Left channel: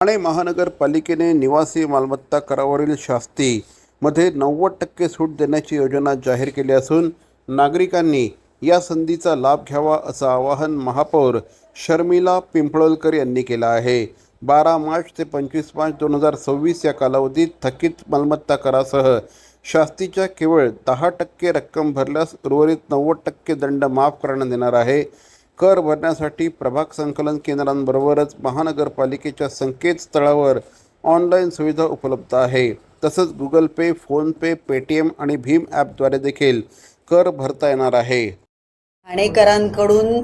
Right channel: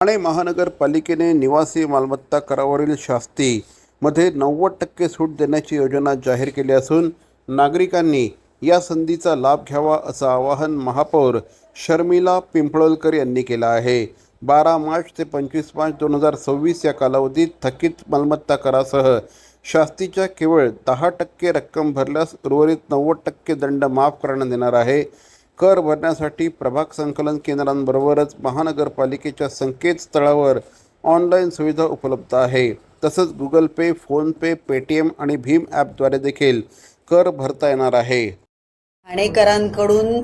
ठाणे महानगरपालिकेने निवासी मालमत्ता करावरील शास्तीमध्ये 90% सूट देण्याची योजना जाहीर केली असून नागरिकांनी या संधीचा लाभ घ्यावा असं आवाहन महापौर शर्मिला पिंपळकर यांनी केलं आहे। 12 मार्च ते 25 मार्च 2026 या कालावधीत थकीत मालमत्ता करासह शास्तीच्या केवळ 10% रक्कम भरल्यास उर्वरित 90% दंड माफ करण्यात येणार आहे। कर भरण्यासाठी प्रभाग संकलन केंद्रांबरोबरच महानगरपालिकेच्या संकेतस्थळावर ऑनलाईन सुविधा उपलब्ध आहे। तसंच गुगल पे, फोन पे, पेटीएम आणि भीम ॲपद्वारे देखील कर भरता येणार आहे। ठाणेकरांकडून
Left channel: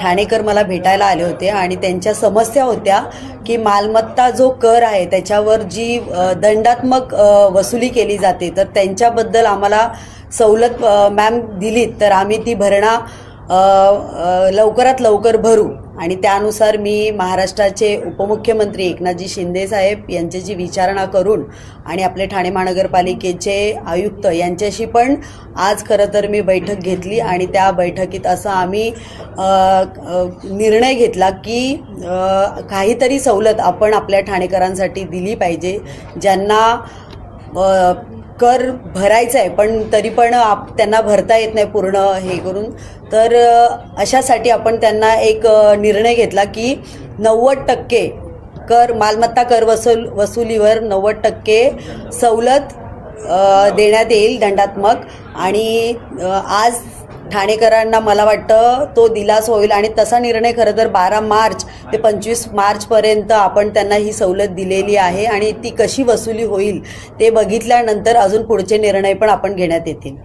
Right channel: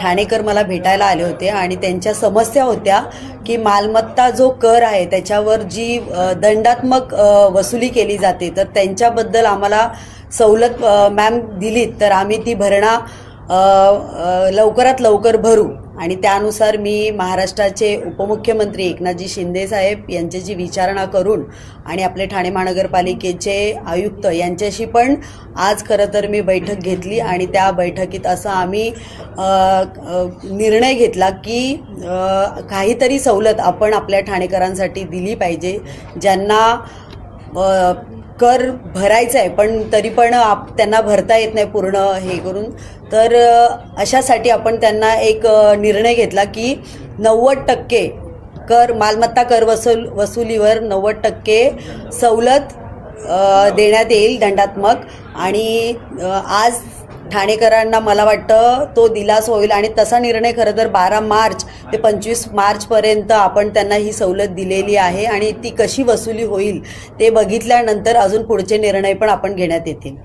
ठाणेकर मला भेटायला आले होते आणि त्यांच्या समस्या होत्या की मालमत्ता जो कर आहे त्याच्यावर जी दंडात्मक वसुली केली जाते, तर त्यांच्याबद्दल आम्हाला सवलत मॅम दिलीत तर आम्ही ती भरणा लवकरात लवकर भरू। आणि त्यानुसार मी महाराष्ट्राचे उपमुख्यमंत्री एकनाथजी शिंदे साहेब यांच्याशी विचारणा करून आणि आपले ठाणे महानगरपालिकेचे आयुक्त यांच्याशी पण आज खरं तर मी बैठक घेतली आणि त्या बैठकीत असं आम्ही निर्णय घेतला की काहीतरी सवलत आपण आपल्या ठाणेकरांसाठी दिली पाहिजे, ज्यांना कर भरायचा आहे पण तरी पण त्यांना भरता येत नाही पूर्ण हे करून, तर अशासाठी आपण त्यांना एक निर्णय घेतला की 90% कर मालमत्ता कर वसुलीवर 90% सवलत देण्यात येईल दंडात्मक। आणि आज ठाणेकरांना मला वाटतं तो दिलासा होईल आणि तसा निर्णय खरं तर 12 मार्च ते 25 मार्चपर्यंत आपण त्यांना ही सवलत दिलेली आहे आणि ती कशी वसुली होईल ते बघितल्यानंतर अजून पुढचे निर्णय पण आपण घेण्यात येतील।